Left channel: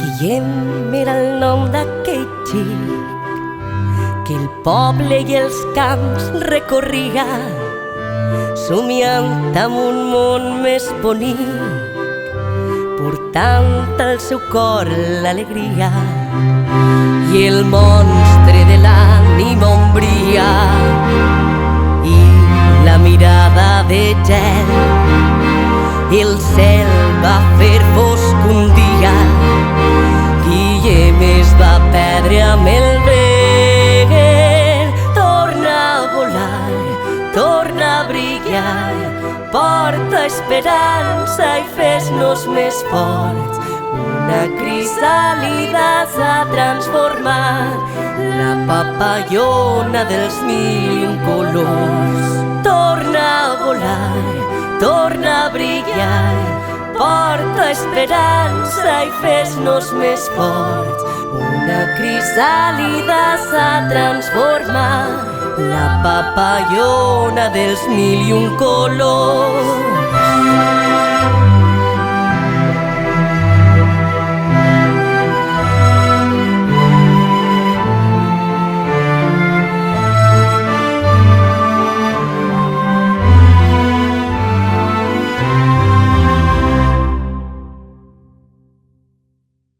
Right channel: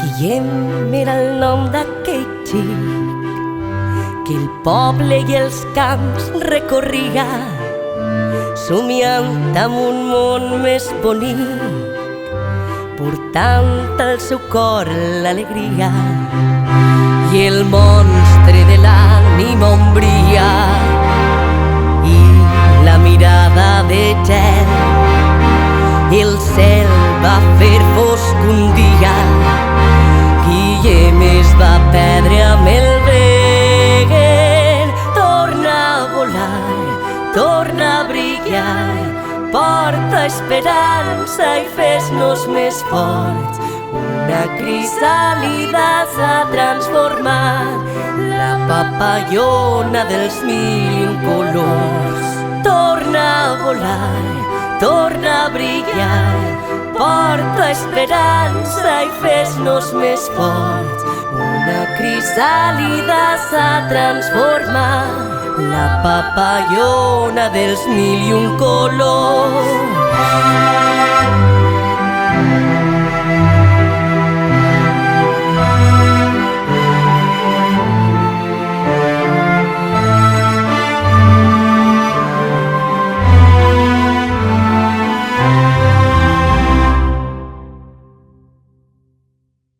Guillem era el nom d'aquell xic que el poble i els camps recorria, somiant amb un món més bonic, portant al seu cor l'alegria. I el monstre de l'ànima ombria i la mirada de gel. El cel va fer fosc un dia, Guillem es va perdre amb el vent. Torna a volar, torna a brillar, porta esperança i fes-nos més forts. Una crisàlida s'ha transformat, la papallona dels mil i un colors. Torna a volar, torna a brillar, porta esperança i fes-nos més forts. Una crisàlida s'ha transformat, la papallona dels mil i un colors.